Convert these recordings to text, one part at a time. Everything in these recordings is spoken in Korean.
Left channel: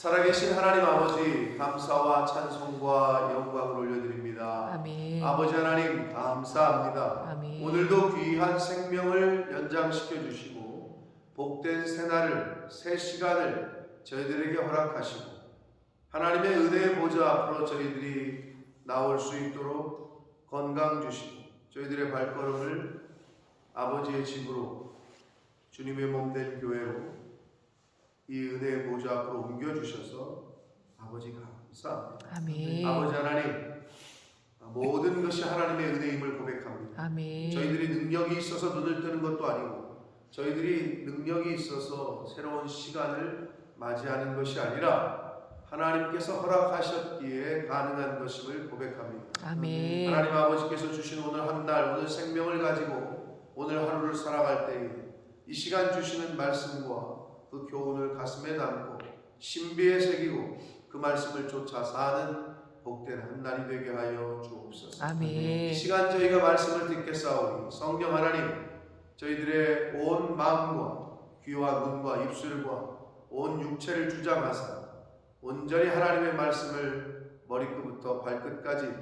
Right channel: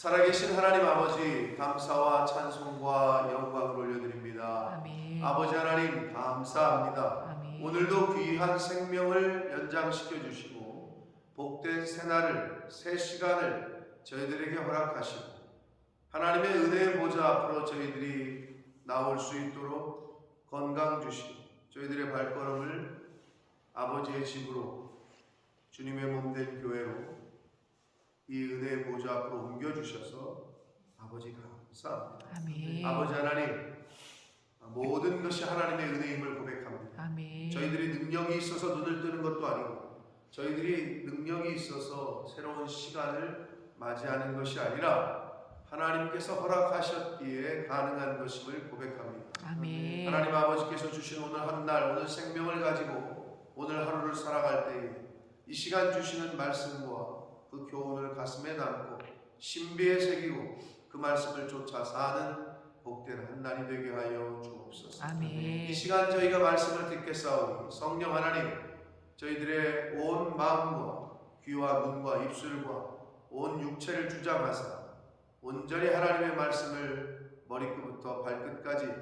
살아계신 하나님 아버지, 감사와 찬송과 영광을 올려드립니다. 아멘. 아버지 하나님 감사합니다. 아멘. 오늘도 귀한 생명을 연장시켜 주시고 복된 새날을, 새 시간을 저희들에게 허락하시고 하나님의 은혜의 보좌 앞으로 저희들이 나올 수 있도록 건강 주시고 저희들의 발걸음을 아버지의 집으로, 주님의 몸된 교회로 이 은혜의 보좌 앞으로 옮겨주셔서 아버지 감사합니다. 아멘. 아버지 하나님, 모든 것이 하나님의 은혜임을 고백합니다. 아멘. 저희들이 능력이 있어서 눈을 뜨는 것도 아니고 저희들이 능력이 있어서 새로운 시간을 맞이하는 것이 아니라 하나님께서 허락하셨기에 가능한 것임을 고백합니다. 아멘. 하나님 아버지께서 주신 오늘 한 날, 오늘 생명을 가지고 오늘 하루를 살아갈 때에 이 시간 주시는 말씀과 그 교훈을 가슴에 담고 신비에 새기고 그 말씀을 쫓아 사는 복된 한 날이 되게 하여 주옵소서. 아멘. 이 시간 저희가 말씀을 듣겠사오니 성령 하나님, 저희들의 온 마음과 귀와 눈과 입술과 온 육체를 주장하사 온전히 하나님의 말씀을 머리끝부터 발끝까지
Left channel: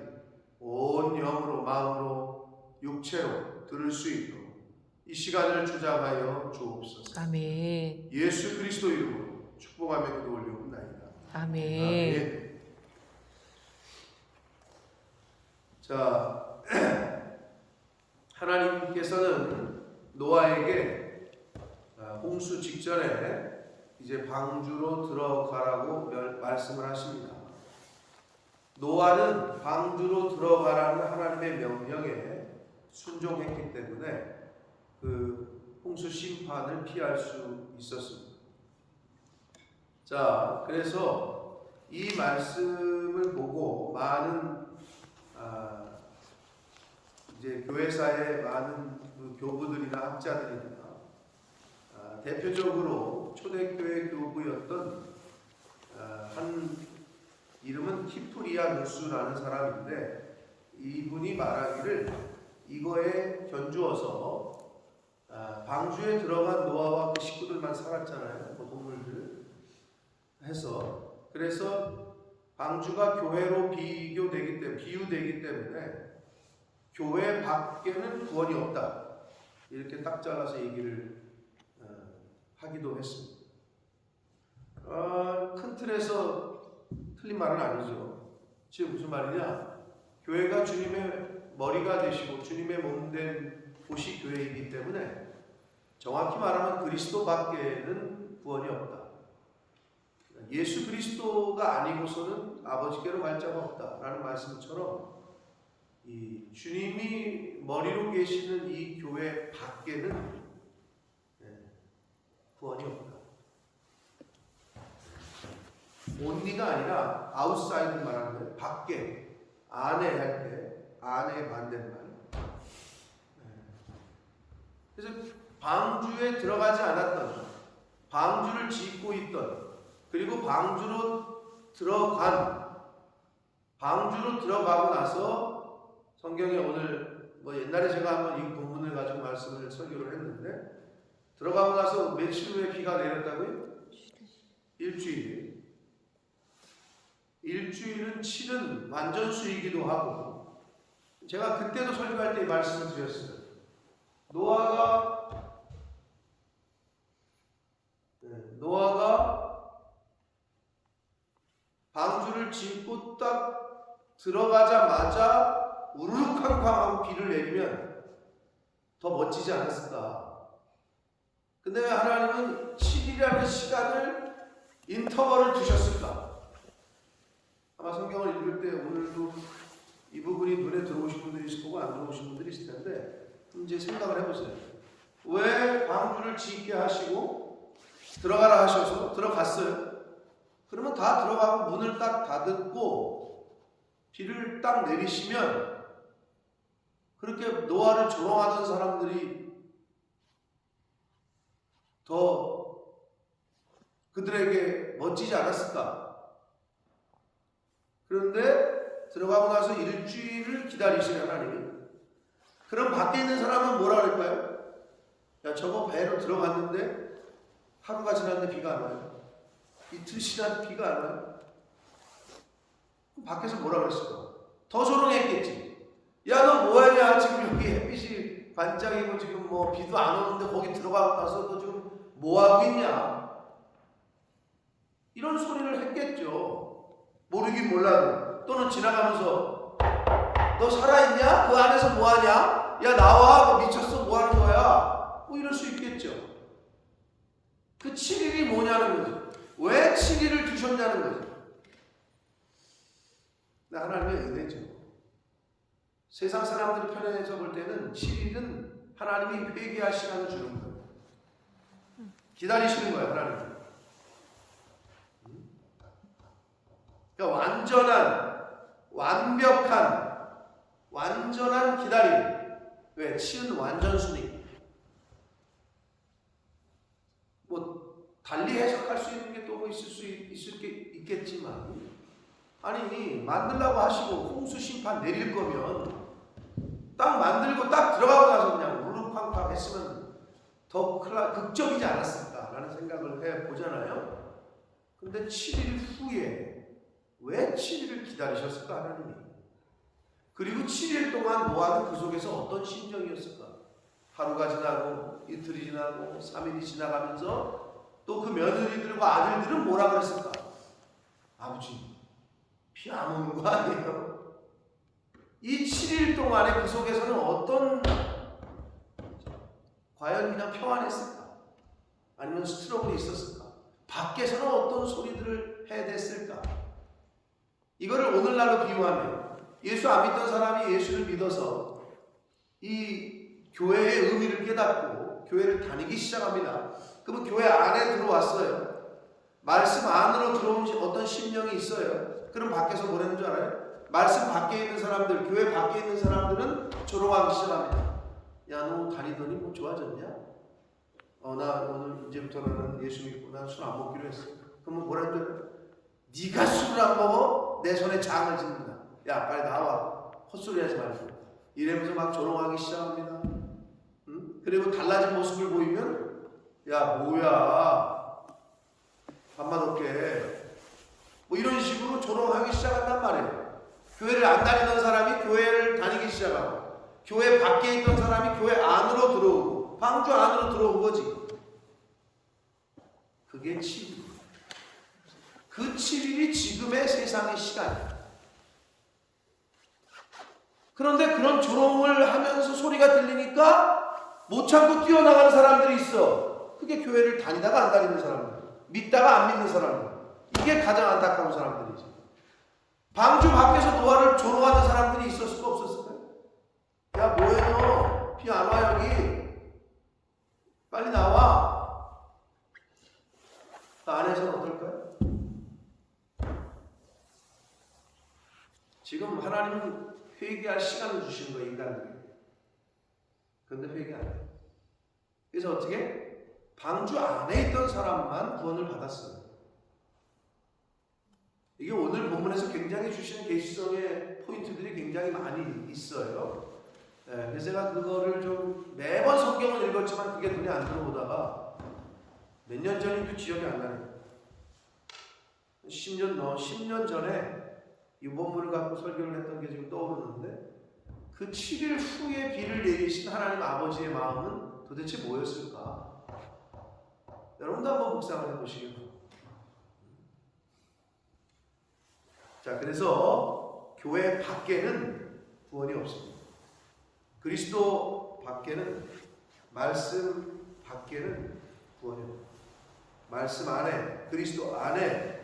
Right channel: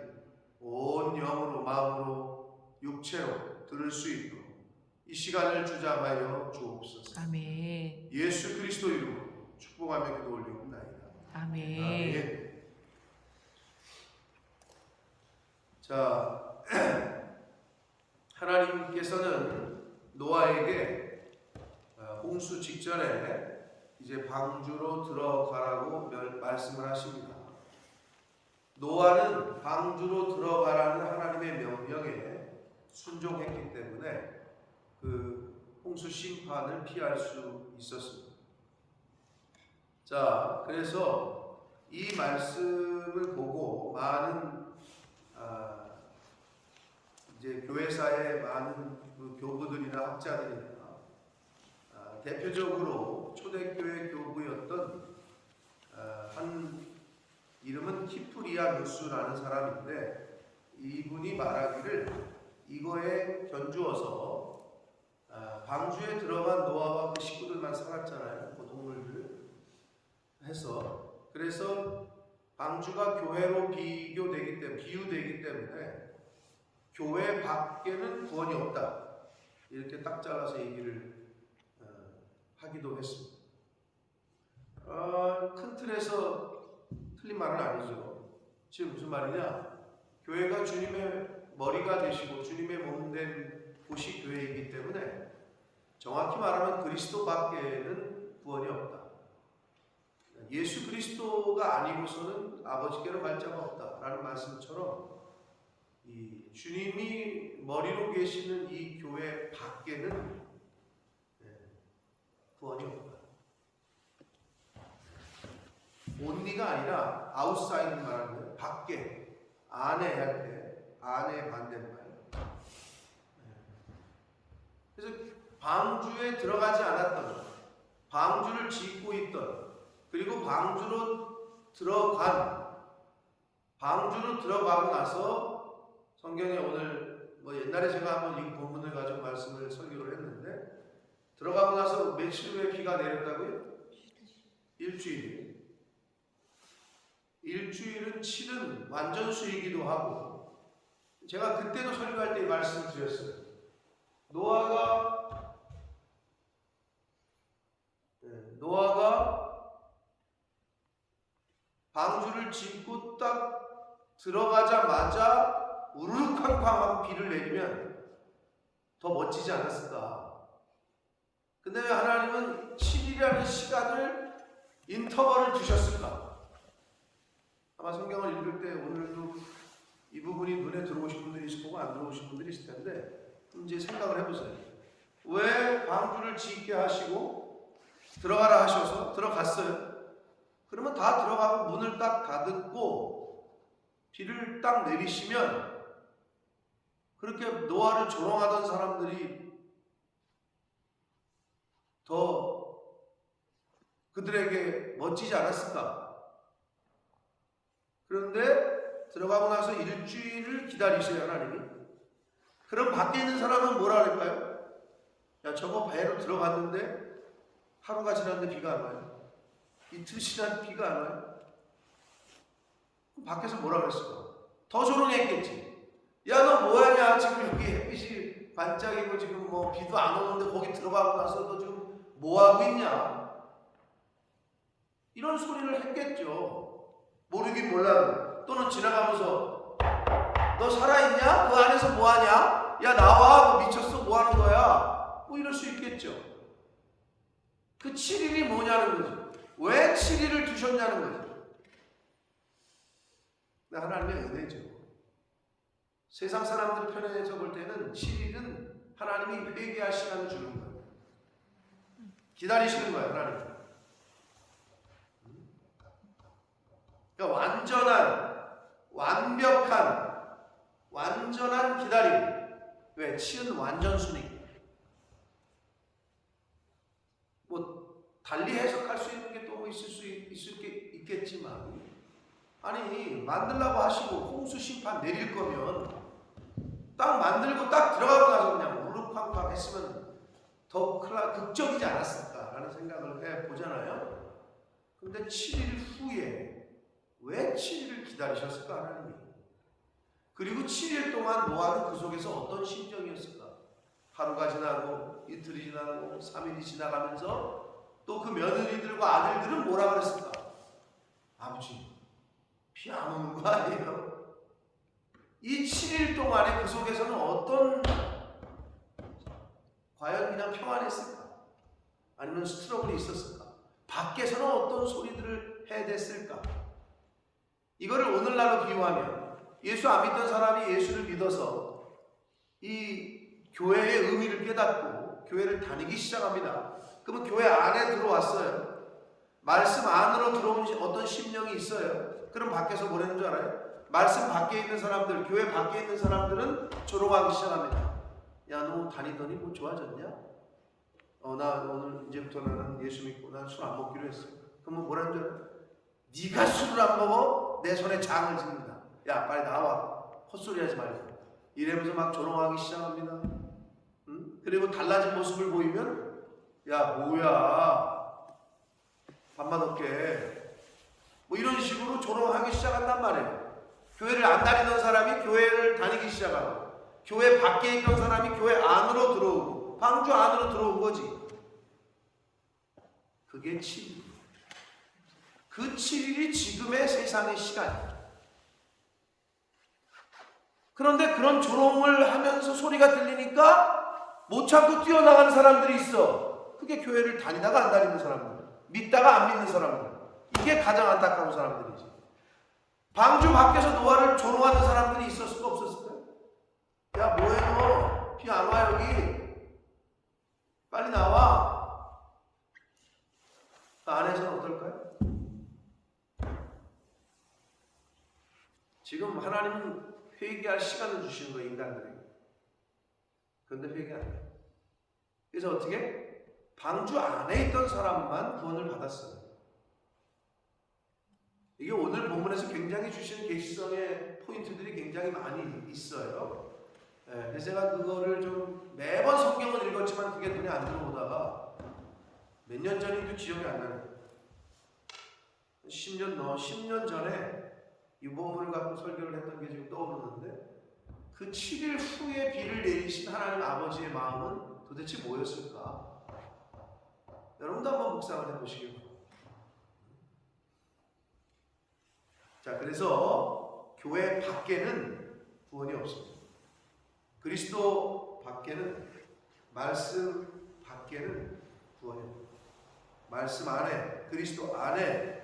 온 영으로, 마음으로, 육체로 들을 수 있도록 이 시간을 주장하여 주옵소서. 아멘. 예수 그리스도 이름으로 축복하며 기도 올려옵나이다. 아멘. 아멘. 자, 하나님께서는 노아에게 홍수 직전에 이제 방주로 들어가라고 말씀을 하십니다. 노아는 방주로 들어가라는 하나님의 명령에 순종했기 때문에 그 홍수 심판을 피할 수 있었습니다. 자, 그래서 이 말씀을 보고 많은 이제 교회사의 많은 그 교부들이나 학자들이나 대표적으로 초대교회 교부였던 한 이름은 키프리아 누스라는 사람인데 이분이 말하기를 이거에 견주어서 방주에 들어간 노아와 그 식구들만 살았잖아요. 그 동물들 해서 그래서 방주가 교회로 비유되기 때문에 교회 밖에는 구원이 없다. 이렇게 딱 잘라서 얘기를 하기도 했습니다. 큰 틀에서 틀린 말은 아니죠. 지금 무슨 말이냐? 교회가 주님의 머리가 되시고 주님의 몸된 곳이 교회이기 때문에 정확히 말하면 그리스도 밖에는 구원이 없다. 예수 그리스도가 아니고서는 아버지께로 갈 자가 없다라는 말씀처럼 이 주님이 머리로 계시는 이 교회 밖에는 구원이 없다. 온리가 아니라 아웃사이드 말하는 거예요. 밖에, 안에 할 때 안에 반대말. 그래서 방주에 들어가지 않았던, 방주를 짓고 있던, 그리고 방주로 들어가고 나서 성경에 오늘 옛날에 제가 한번 이 본문을 가지고 말씀을 설교를 했는데 들어가고 나서 며칠 후에 비가 내렸다고요? 일주일은 7은 완전수이기도 하고 제가 그때도 설교할 때 말씀을 드렸어요. 노아가 방주를 짓고 딱 들어가자마자 우르르쾅쾅 하고 비를 내리면 더 멋지지 않았을까? 근데 하나님은 7이라는 시간을 인터벌을 두셨을까? 아마 성경을 읽을 때 오늘도 이 부분이 눈에 들어오신 분들이 있을 거고 안 들어오신 분들이 있을 텐데 이제 생각을 해보세요. 왜 방주를 짓게 하시고 들어가라 하셔서 들어갔어요? 그러면 다 들어가고 문을 딱 닫고 비를 딱 내리시면 그렇게 노아를 조롱하던 사람들이 더 그들에게 멋지지 않았을까? 그런데 들어가고 나서 일주일을 기다리시는 하나님이. 그럼 밖에 있는 사람은 뭐라 그럴까요? 야, 저거 배로 들어갔는데 하루가 지났는데 비가 안 와요. 이틀 지나도 비가 안 와요? 그럼 밖에서 뭐라 그랬을까? 더 조롱했겠지. 야, 너 뭐하냐? 지금 여기 햇빛이 반짝이고 지금 뭐 비도 안 오는데 거기 들어가고 나서 너 지금 뭐하고 있냐? 이런 소리를 했겠죠. 모르긴 몰라도. 또는 지나가면서 너 살아있냐? 그 안에서 뭐하냐? 야, 나와. 너 미쳤어? 뭐하는 거야? 뭐 이럴 수 있겠죠. 그 7일이 뭐냐는 거지. 왜 7일을 두셨냐는 거지. 하나님의 은혜죠. 세상 사람들이 편에서 볼 때는 7일은 하나님이 회개할 시간을 주는 거예요. 기다리시는 거예요, 하나님. 그러니까 완전한 기다림. 왜? 치은 완전순이. 뭐 달리 해석할 수 있는 게 또 뭐 있겠지만, 아니 만들라고 하시고 홍수 심판 내릴 거면 딱 만들고 딱 들어가고 나서 그냥 우르팡팡 했으면 더 극적이지 않았을까라는 생각을 해보잖아요. 근데 7일 후에 왜 7일을 기다리셨을까 하나님이? 그리고 7일 동안 노아는 그 속에서 어떤 심정이었을까? 하루가 지나고 이틀이 지나고 3일이 지나가면서 또 그 며느리들과 아들들은 뭐라 그랬을까? 아버지, 비 안 오는 거 아니에요? 이 7일 동안에 그 속에서는 과연 그냥 평안했을까? 아니면 스트러블이 있었을까? 밖에서는 어떤 소리들을 해댔을까? 이거를 오늘날로 비유하면 예수 안 믿던 사람이 예수를 믿어서 이 교회의 의미를 깨닫고 교회를 다니기 시작합니다. 그러면 교회 안에 들어왔어요. 말씀 안으로 들어온 어떤 심령이 있어요. 그럼 밖에서 뭐라는 줄 알아요? 말씀 밖에 있는 사람들, 교회 밖에 있는 사람들은 조롱하기 시작합니다. 야, 너 다니더니 뭐 좋아졌냐? 나 오늘 이제부터 나는 예수 믿고 난 술 안 먹기로 했어. 그럼 뭐라는 줄 알아요? 네가 술을 안 먹어? 내 손에 장을 짓는다. 야, 빨리 나와. 헛소리 하지 말고. 이러면서 막 조롱하기 시작합니다. 응? 그리고 달라진 모습을 보이면 야, 뭐야. 밥맛 없게. 뭐 이런 식으로 조롱하기 시작한단 말이에요. 교회를 안 다니던 사람이 교회를 다니기 시작하고, 교회 밖에 있던 사람이 교회 안으로 들어오고, 방주 안으로 들어온 거지. 그게 7일. 그 7일이 지금의 세상의 시간이에요. 그런데 그런 조롱을 하면서 소리가 들리니까 못 참고 뛰어나가는 사람들이 있어. 그게 교회를 다니다가 안 다니는 사람들, 믿다가 안 믿는 사람들. 이게 가장 안타까운 사람들이지. 방주 밖에서 노아를 조롱하는 사람들이 있었을까 없었을까요? 야, 뭐해 너? 비 안 와 여기. 빨리 나와. 그 안에서는 어떨까요? 지금 하나님은 회개할 시간을 주시는 거예요, 인간들에게. 그런데 회개 안 해요. 그래서 어떻게? 방주 안에 있던 사람만 구원을 받았어요. 이게 오늘 본문에서 굉장히 주신 계시성의 포인트들이 굉장히 많이 있어요. 그래서 제가 그거를 좀 매번 성경을 읽었지만 그게 눈에 안 들어오다가 몇 년 전인도 기억이 안 나네요. 10년 전에 이 본문을 갖고 설교를 했던 게 지금 떠오르는데, 그 7일 후에 비를 내리신 하나님 아버지의 마음은 도대체 뭐였을까? 여러분도 한번 묵상을 해보시기 바랍니다. 자, 그래서 교회 밖에는 구원이 없습니다. 그리스도 밖에는, 말씀 밖에는 구원이 없습니다. 말씀 안에, 그리스도 안에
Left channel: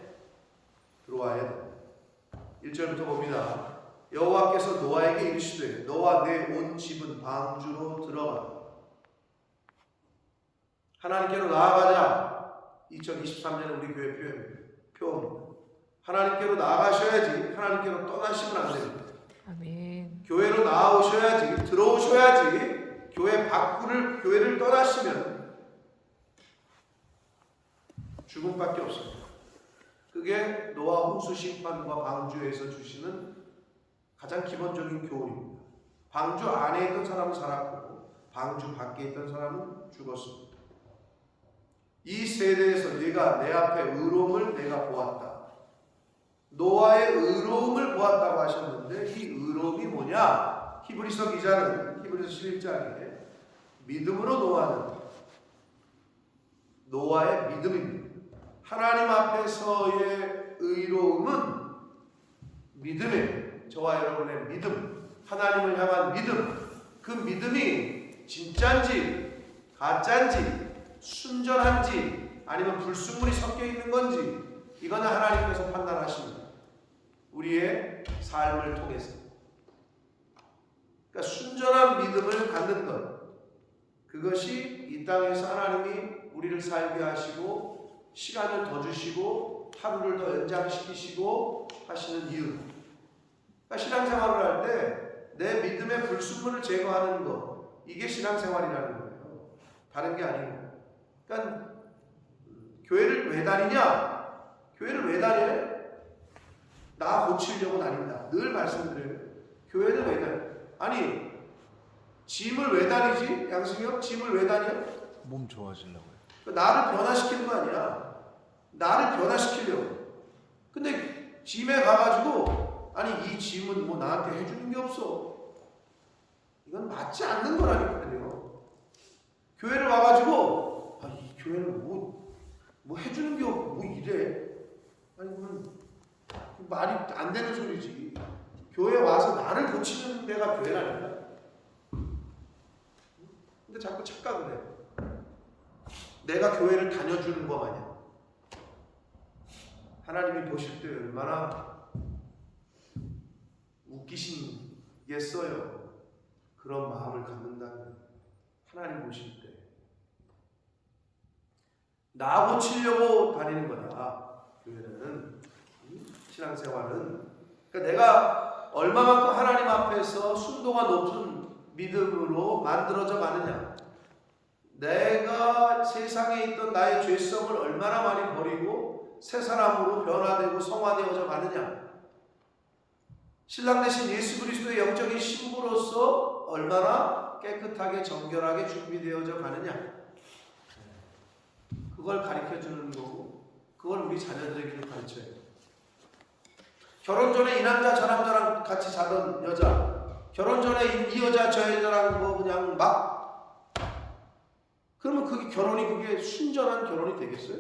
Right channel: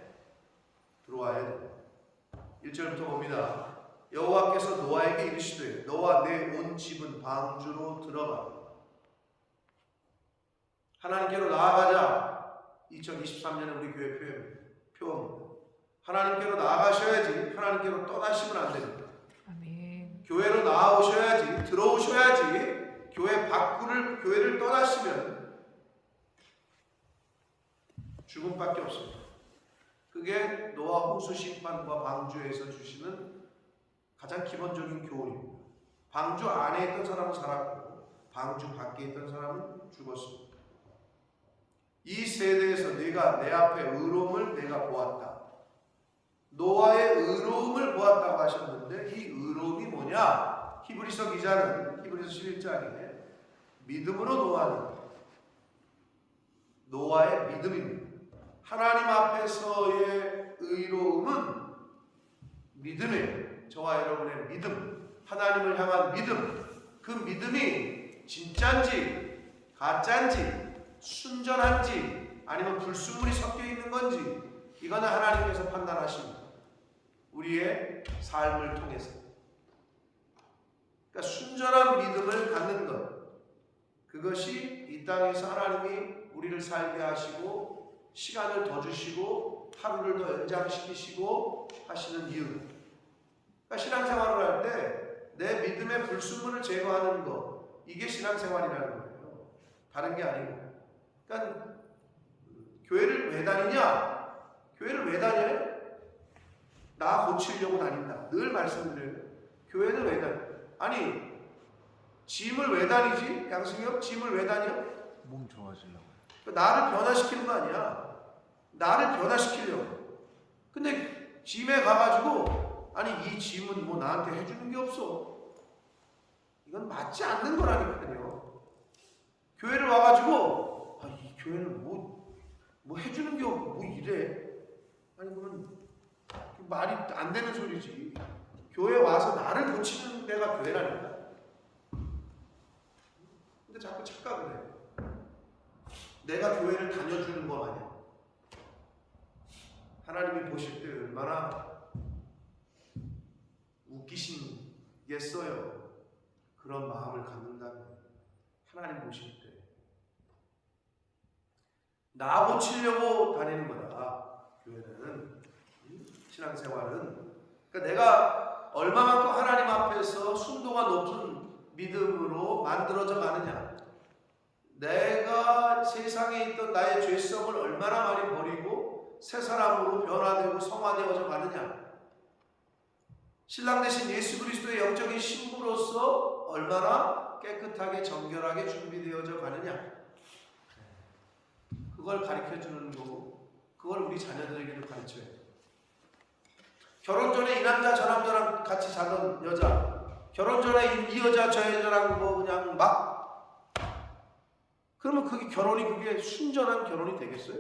들어와야 됩니다. 1절부터 봅니다. 여호와께서 노아에게 이르시되 너와 내 온 집은 방주로 들어가. 하나님께로 나아가자. 2023년에 우리 교회 표어입니다. 하나님께로 나아가셔야지 하나님께로 떠나시면 안 됩니다. 아멘. 교회로 나아오셔야지, 들어오셔야지. 교회를 떠나시면 죽음밖에 없습니다. 그게 노아 홍수 심판과 방주에서 주시는 가장 기본적인 교훈입니다. 방주 안에 있던 사람은 살았고 방주 밖에 있던 사람은 죽었습니다. 이 세대에서 네가 내 앞에 의로움을 내가 보았다. 노아의 의로움을 보았다고 하셨는데 이 의로움이 뭐냐? 히브리서 기자는 히브리서 11장에 믿음으로 노아의 믿음입니다. 하나님 앞에서의 의로움은 믿음이에요. 저와 여러분의 믿음, 하나님을 향한 믿음, 그 믿음이 진짜인지 가짜인지 순전한지 아니면 불순물이 섞여 있는 건지 이거는 하나님께서 판단하십니다. 우리의 삶을 통해서. 그러니까 순전한 믿음을 갖는 것, 그것이 이 땅에서 하나님이 우리를 살게 하시고 시간을 더 주시고 하루를 더 연장시키시고 하시는 이유. 그러니까 신앙생활을 할 때 내 믿음의 불순물을 제거하는 것, 이게 신앙생활이라는 거예요. 다른 게 아니고. 그러니까 교회를 왜 다니냐? 교회를 왜 다녀요? 나 고치려고 다닌다. 늘 말씀드려요. 교회는 왜 다녀? 아니, 짐을 왜 다니지? 양승이 형, 짐을 왜 다녀? 몸 좋아지려고. 나를 변화시키는 거 아니야. 나를 변화시키려고. 근데 짐에 가가지고 아니 이 짐은 뭐 나한테 해주는 게 없어. 이건 맞지 않는 거라니까요. 교회를 와가지고 이 교회는 뭐 해주는 게 없고 뭐 이래. 아니 그러면 말이 안 되는 소리지. 교회 와서 나를 고치는 데가 교회라니까. 근데 자꾸 착각을 해. 내가 교회를 다녀주는 거 마냥. 하나님이 보실 때 얼마나 웃기시겠어요. 그런 마음을 갖는다면 하나님 보실 때 나 고치려고 다니는 거다. 교회는, 신앙생활은. 그러니까 내가 얼마만큼 하나님 앞에서 순도가 높은 믿음으로 만들어져 가느냐, 내가 세상에 있던 나의 죄성을 얼마나 많이 버리고 새 사람으로 변화되고 성화되어져 가느냐, 신랑 되신 예수 그리스도의 영적인 신부로서 얼마나 깨끗하게 정결하게 준비되어져 가느냐, 그걸 가르쳐주는 거고, 그걸 우리 자녀들에게도 가르쳐야 돼요. 결혼 전에 이 남자 저 남자랑 같이 자던 여자, 결혼 전에 이 여자 저 여자랑 뭐 그냥 막, 그러면 그게 결혼이 그게 순전한 결혼이 되겠어요?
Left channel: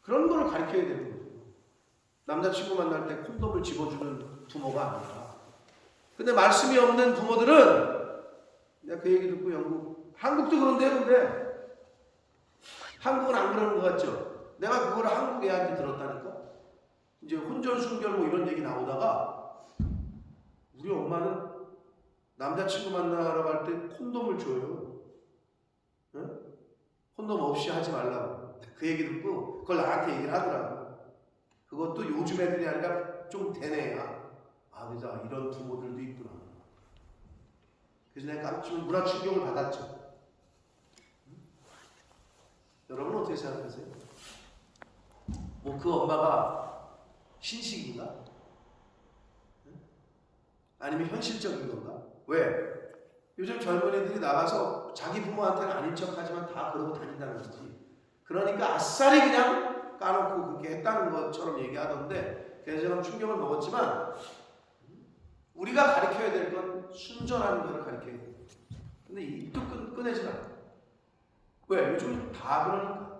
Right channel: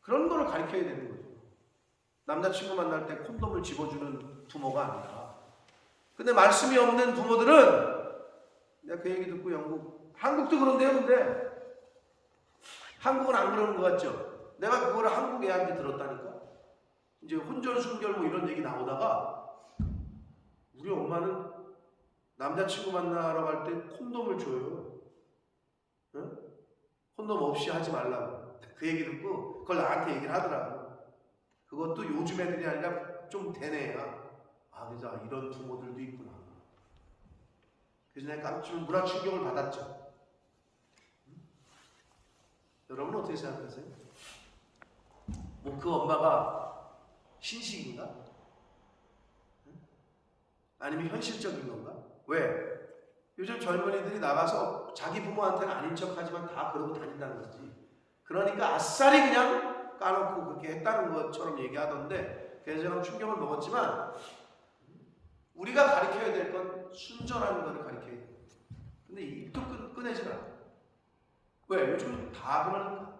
그런 거를 가르쳐야 되는 거예요. 남자친구 만날 때 콘돔을 집어주는 부모가 아니라. 근데 말씀이 없는 부모들은, 내가 그 얘기 듣고 한국도 그런데요. 근데 한국은 안 그러는 것 같죠? 내가 그거를 한국 애한테 들었다니까. 이제 혼전 순결 뭐 이런 얘기 나오다가 우리 엄마는 남자친구 만나러 갈 때 콘돔을 줘요. 응? 콘돔 없이 하지 말라고. 그 얘기 듣고 그걸 나한테 얘기를 하더라고. 그것도 요즘 애들이 아니라 좀 된 애야. 그래서 이런 부모들도 있구나. 그래서 내가 깜짝 문화 충격을 받았죠. 여러분은 어떻게 생각하세요? 뭐 그 엄마가 신식인가? 아니면 현실적인 건가? 왜? 요즘 젊은이들이 나가서 자기 부모한테는 아닌 척하지만 다 그러고 다닌다는 거지. 그러니까 아싸리 그냥 까놓고 그렇게 했다는 것처럼 얘기하던데, 그래서 저는 충격을 먹었지만, 우리가 가르쳐야 될 건 순전한 거를 가르쳐야 돼. 근데 입도 꺼내지 마. 왜? 요즘 다 그러니까.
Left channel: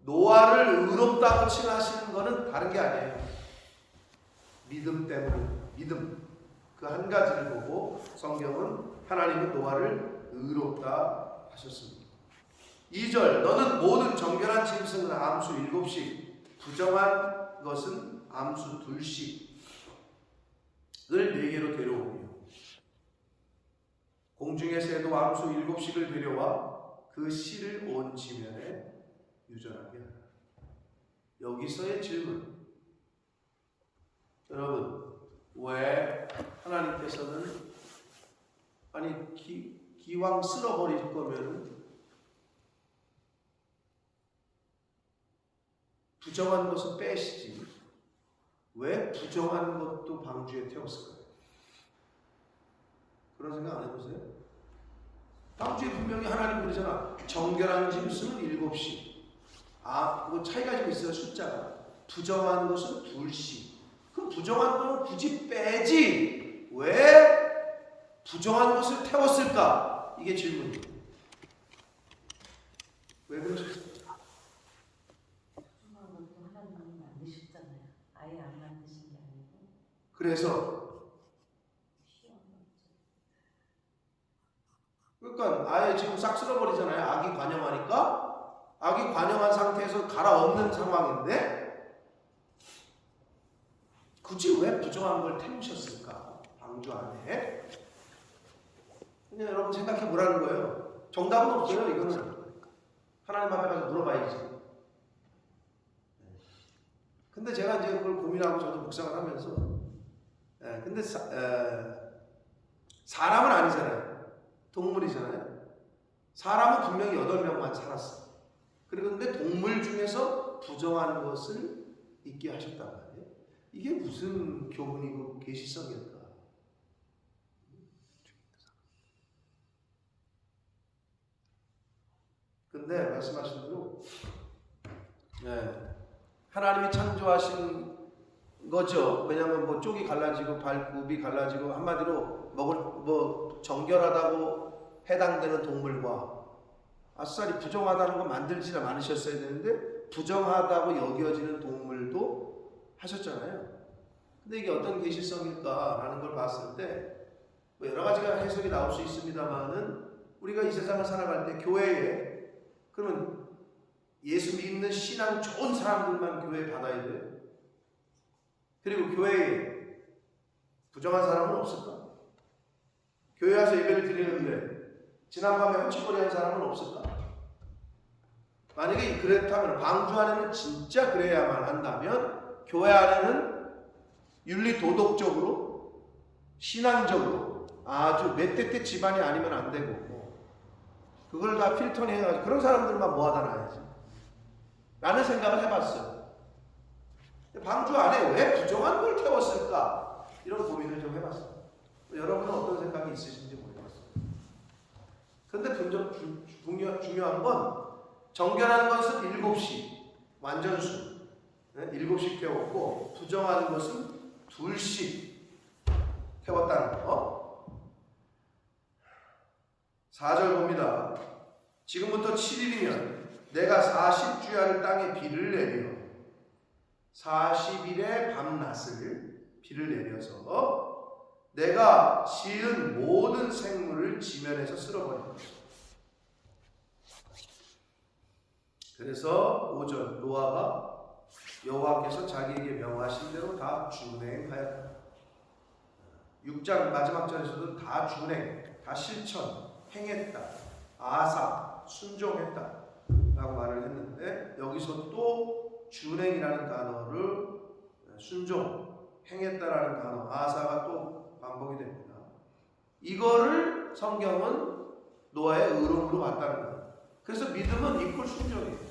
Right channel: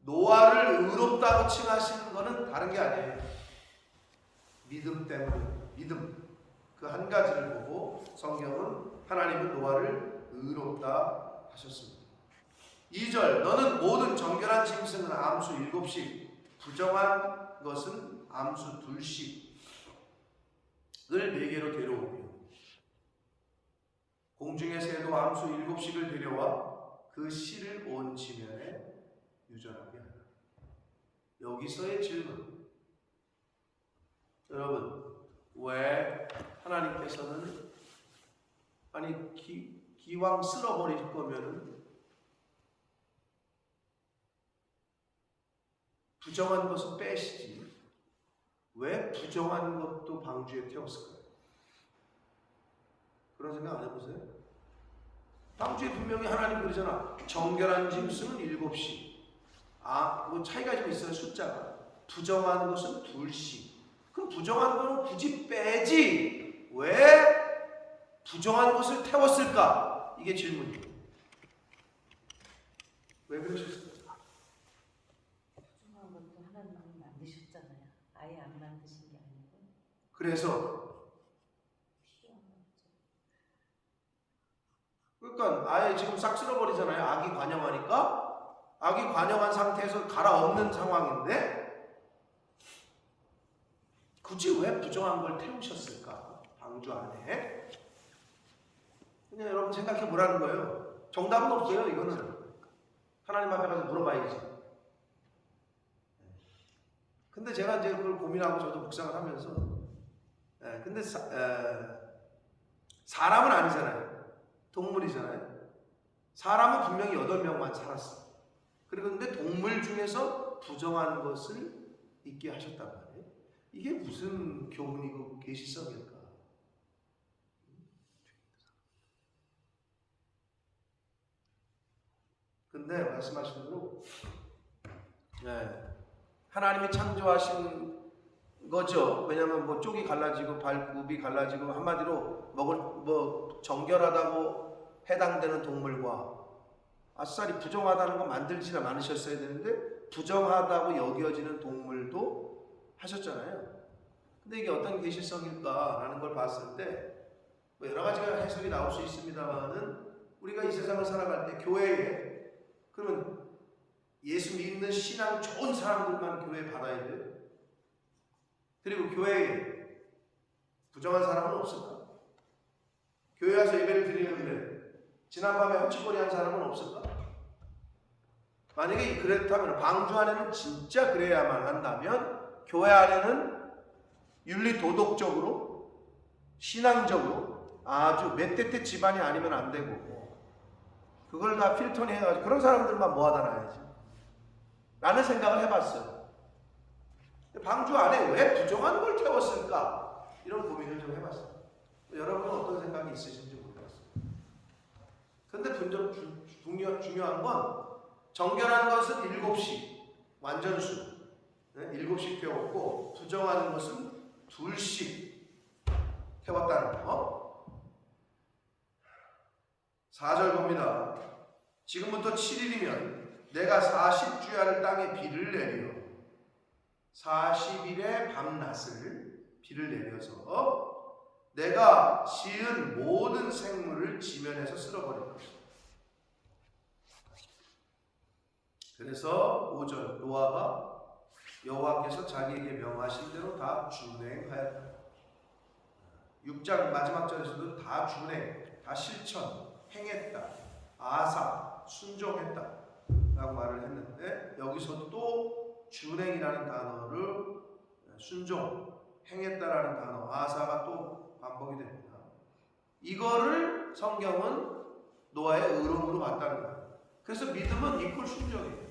노아를 의롭다고 칭하시는 거는 다른 게 아니에요. 믿음 때문입니다. 믿음. 그 한 가지를 보고 성경은 하나님은 노아를 의롭다 하셨습니다. 2절, 너는 모든 정결한 짐승은 암수 7씩, 부정한 것은 암수 2씩을 4개로 데려오며 공중의 새도 암수 7씩을 데려와 그 씨를 온 지면에 유전하게 하라. 여기서의 질문, 여러분, 왜 하나님께서는 아니 기왕 쓸어버릴 거면 부정한 것은 빼시지 왜 부정한 것도 방주에 태웠을까요? 그런 생각 안 해보세요? 방주에 분명히 하나님 그러잖아. 정결한 짐승은 7씩. 그거 차이가 좀 있어요, 숫자가. 부정한 것은 2씩. 그럼 부정한 거는 굳이 빼지. 왜 부정한 것을 태웠을까? 이게 질문이에요. 왜 그러셨을까? 부정한 것도 하나님은 만드셨잖아요. 아예 안 만드신 게 아니고. 그래서 그러니까 아예 지금 싹 쓸어버리잖아요. 악이 관영하니까. 악이 관영한 상태에서 갈아엎는 상황인데 굳이 왜 부정한 걸 태우셨을까? 방주 안에. 그냥 여러분 생각해 보라는 거예요. 정답은 없어요. 이거는 하나님 앞에 가서 물어봐야지. 근데 제가 이제 그걸 고민하고 저도 묵상을 하면서 근데 사람은 아니잖아요. 동물이잖아요. 사람은 분명히 8명만 살았어요. 그런데 동물 중에서 부정한 것을 있게 하셨단 말이에요. 이게 무슨 교훈이고 계시성일까? 근데 말씀하신 대로 하나님이 창조하신 거죠. 왜냐하면 뭐 쪽이 갈라지고 발굽이 갈라지고 한마디로 정결하다고 해당되는 동물과 아싸리 부정하다는 거 만들지는 않으셨어야 되는데 부정하다고 여겨지는 동물도 하셨잖아요. 근데 이게 어떤 계시성일까라는 걸 봤을 때 뭐 여러 가지가 해석이 나올 수 있습니다만은 우리가 이 세상을 살아갈 때 교회에 그러면 예수 믿는 신앙 좋은 사람들만 교회에 받아야 돼요. 그리고 교회에 부정한 사람은 없을까? 교회 와서 예배를 드리는데 지난밤에 헛짓거리 한 사람은 없을까? 만약에 그렇다면 방주 안에는 진짜 그래야만 한다면 교회 안에는 윤리 도덕적으로 신앙적으로 아주 맷대대 집안이 아니면 안 되고 그걸 다 필터링 해가지고 그런 사람들만 모아다 놔야지 라는 생각을 해봤어요. 방주 안에 왜 부정한 걸 태웠을까? 이런 고민을 좀 해봤어요. 여러분은 어떤 생각이 있으신지 모르겠어요. 근데 중요한 건 정결한 것은 7씩 완전수 7씩 태웠고 부정한 것은 2씩 태웠다는 거. 4절 봅니다. 지금부터 7일이면 내가 40주야를 땅에 비를 내려 40일의 밤낮을 비를 내려서 내가 지은 모든 생물을 지면에서 쓸어버릴 것이다. 그래서 5절 노아가 여호와께서 자기에게 명하신 대로 다 준행하였다. 6장 마지막 절에서도 다 준행, 다 실천, 행했다, 아사, 순종했다 라고 말을 했는데 여기서 또 준행이라는 단어를 순종, 행했다라는 단어, 아사가 또 반복이 됩니다. 이거를 성경은 노아의 의로움으로 봤다는 거예요. 그래서 믿음은 이퀄 순종이에요.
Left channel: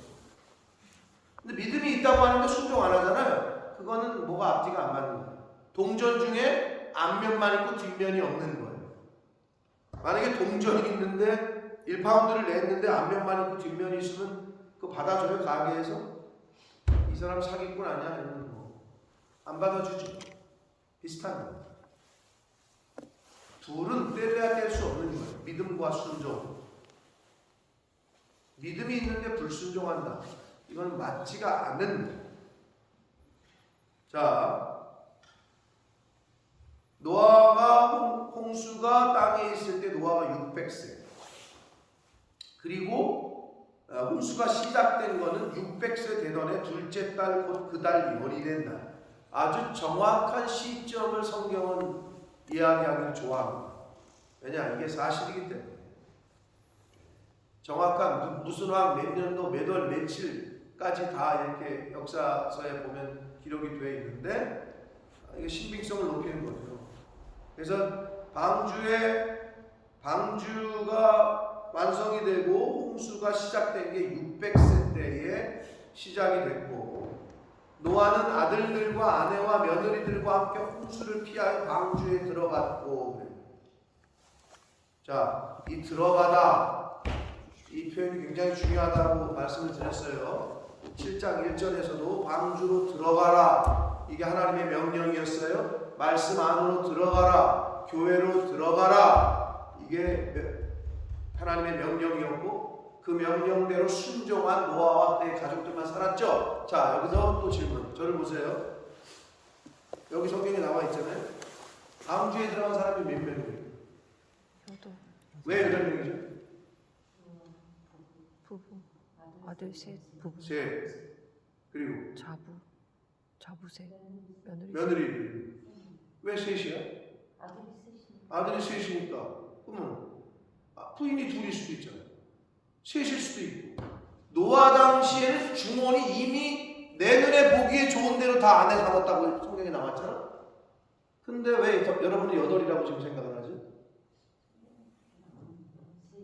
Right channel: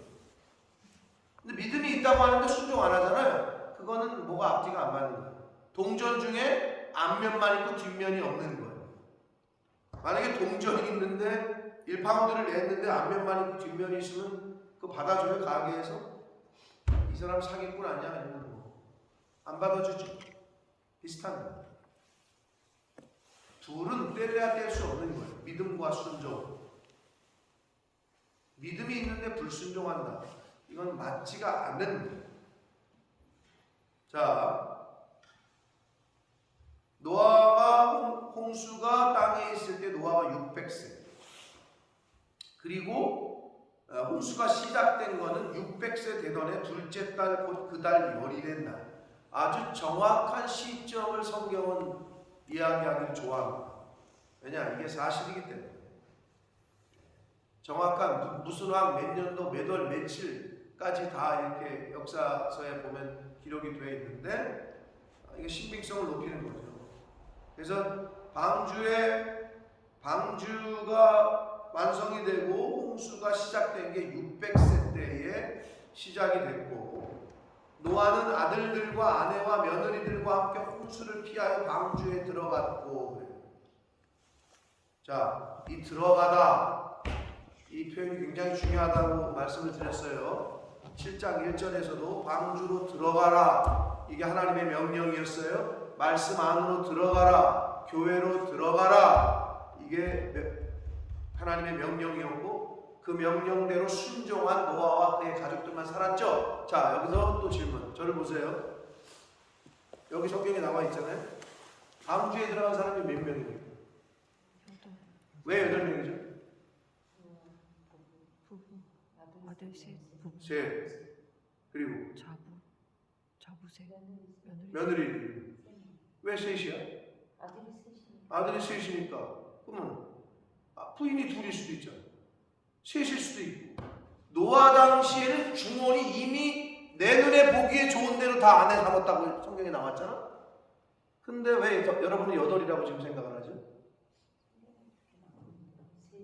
근데 믿음이 있다고 하는데 순종 안 하잖아요. 그거는 뭐가 앞뒤가 안 맞는 거예요. 동전 중에 앞면만 있고 뒷면이 없는 거예요. 만약에 동전이 있는데 1파운드를 냈는데 앞면만 있고 뒷면이 있으면 그거 받아줘요? 가게에서? 이 사람 사기꾼 아니야? 아니면 뭐 안 받아주지. 비슷한 거예요. 둘은 뗄래야 뗄 수 없는 거예요. 믿음과 순종. 믿음이 있는데 불순종한다. 이건 맞지가 않는 거예요. 자, 노아가 홍수가 땅에 있을 때 노아가 600세. 그리고 홍수가 시작된 거는 600세 되던 해 둘째 달 곧 그 달 열일의 날. 아주 정확한 시점을 성경은 이야기하기를 좋아합니다. 왜냐? 이게 사실이기 때문에. 정확한 무슨 왕 몇 년도 몇 월 며칠까지 다 이렇게 역사서에 보면 기록이 되어 있는데 이게 신빙성을 높이는 거죠. 그래서 방주가 완성이 되고 홍수가 시작된 게 600세 때에 시작이 됐고 노아는 아들들과 아내와 며느리들과 함께 홍수를 피하여 방주에 들어갔고 그래요. 자, 이 들어가다 이 표현이 굉장히 중요하다고 말씀을 드렸어요. 7장 1절에서도 방주로 들어가라. 이게 하나님의 명령이었어요. 말씀 안으로 들어가라. 교회로 들어가라. 이게 하나님의 명령이었고 그 명령대로 순종한 노아와 그의 가족들만 살았죠. 자, 여기서 또 질문. 저를 보세요. 여기 성경에 나와 있잖아요. 방주에 들어간 사람이 몇 명이에요? 왜 8명이죠? 부부, 아들 셋, 부부, 셋. 그리고 자부 셋, 며느리 며느리. 왜 셋이야? 아들이 셋이니까. 그러면 부인이 둘일 수도 있잖아. 셋일 수도 있고. 노아 당시에는 중원이 이미 내 눈에 보기에 좋은 대로 다 아내 삼았다고 성경에 나왔잖아. 근데 왜 여러분은 8이라고 지금 생각을 하지?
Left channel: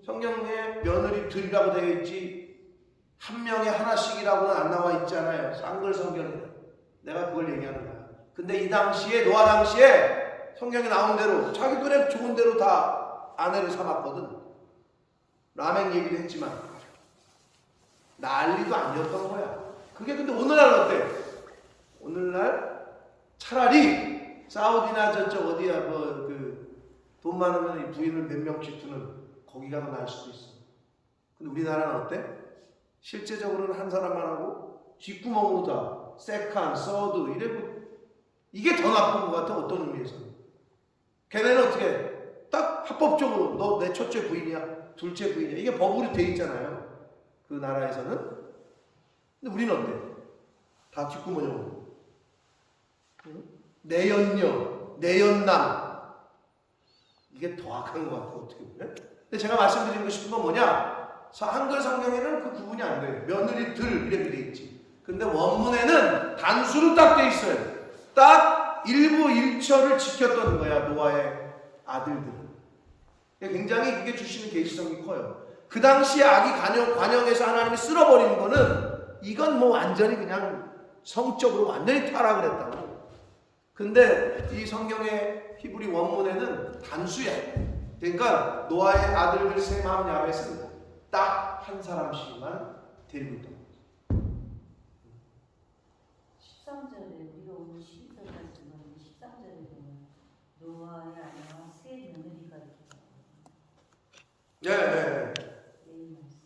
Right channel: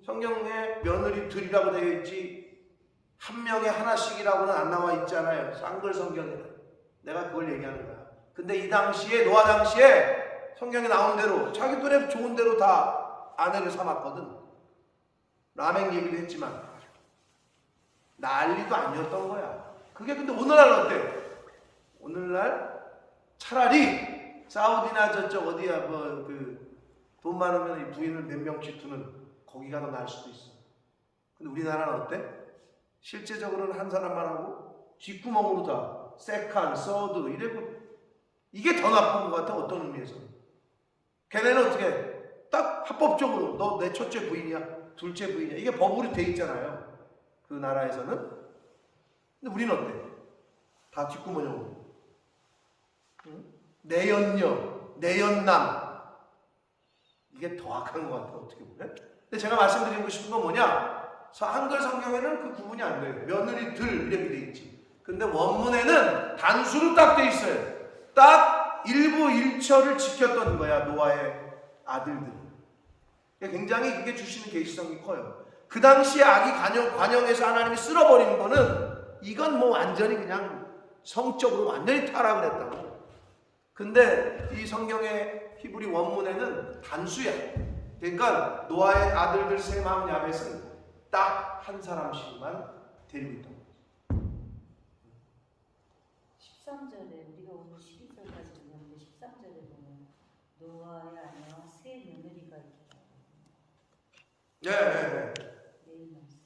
성경에 며느리들이라고 되어 있지 한 명에 하나씩이라고는 안 나와 있잖아요. 쌍글 성경이다. 내가 그걸 얘기하는 거야. 근데 이 당시에 노아 당시에 성경에 나온 대로 자기 눈에 좋은 대로 다 아내를 삼았거든. 라멘 얘기도 했지만 난리도 아니었던 거야. 그게 근데 오늘날 어때? 오늘날 차라리 사우디나 저쪽 어디야 돈 많으면 부인을 몇 명씩 두는 거기가 더 나을 수도 있어. 근데 우리나라는 어때? 실제적으로는 한 사람만 하고 뒷구멍으로 다 세컨, 서드 이래고 이게 더 나쁜 것 같아. 어떤 의미에서는. 걔네는 어떻게 해? 딱 합법적으로 너 내 첫째 부인이야, 둘째 부인이야. 이게 법으로 돼 있잖아요. 그 나라에서는. 근데 우리는 어때? 다 뒷구멍으로. 응? 내연녀, 내연남. 이게 더 악한 것 같아. 어떻게 보면. 근데 제가 말씀드리고 싶은 건 뭐냐? 한글 성경에는 그 구분이 안 돼요. 며느리들 이렇게 돼 있지. 근데 원문에는 단수로 딱 돼 있어요. 딱 일부 일처를 지켰던 거야. 노아의 아들들은. 굉장히 그게 주시는 계시성이 커요. 그 당시에 아기 관영에서 하나님이 쓸어버린 거는 이건 뭐 완전히 그냥 성적으로 완전히 타락을 했다고. 근데 이 성경의 히브리 원문에는 단수야. 그러니까 노아의 아들들 셈함 야벳은 딱 한 사람씩만 데리고 있다. 13절에 우리가 오늘 12절까지 보면 13절에 보면 노아의 아내와 세 며느리가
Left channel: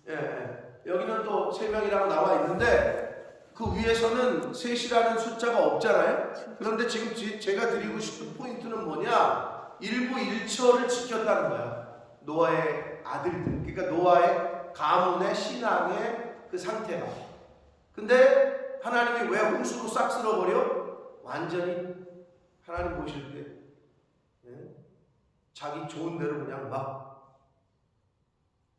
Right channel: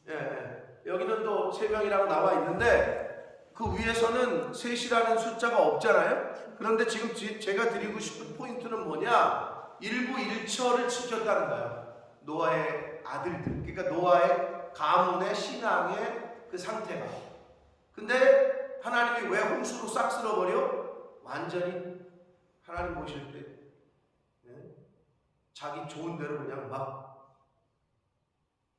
예. 여기는 또 3명이라고 나와 있는데 그 위에서는 셋이라는 숫자가 없잖아요. 그런데 지금 제가 드리고 싶은 포인트는 뭐냐? 일부 일처를 지켰다는 거야. 노아의 아들들. 그러니까 노아의 가문의 신앙의 그 상태가. 근데 하나님이 왜 홍수로 싹 쓸어버려? 완전히 하나님 보실 때 자기 좋은 대로 그냥 막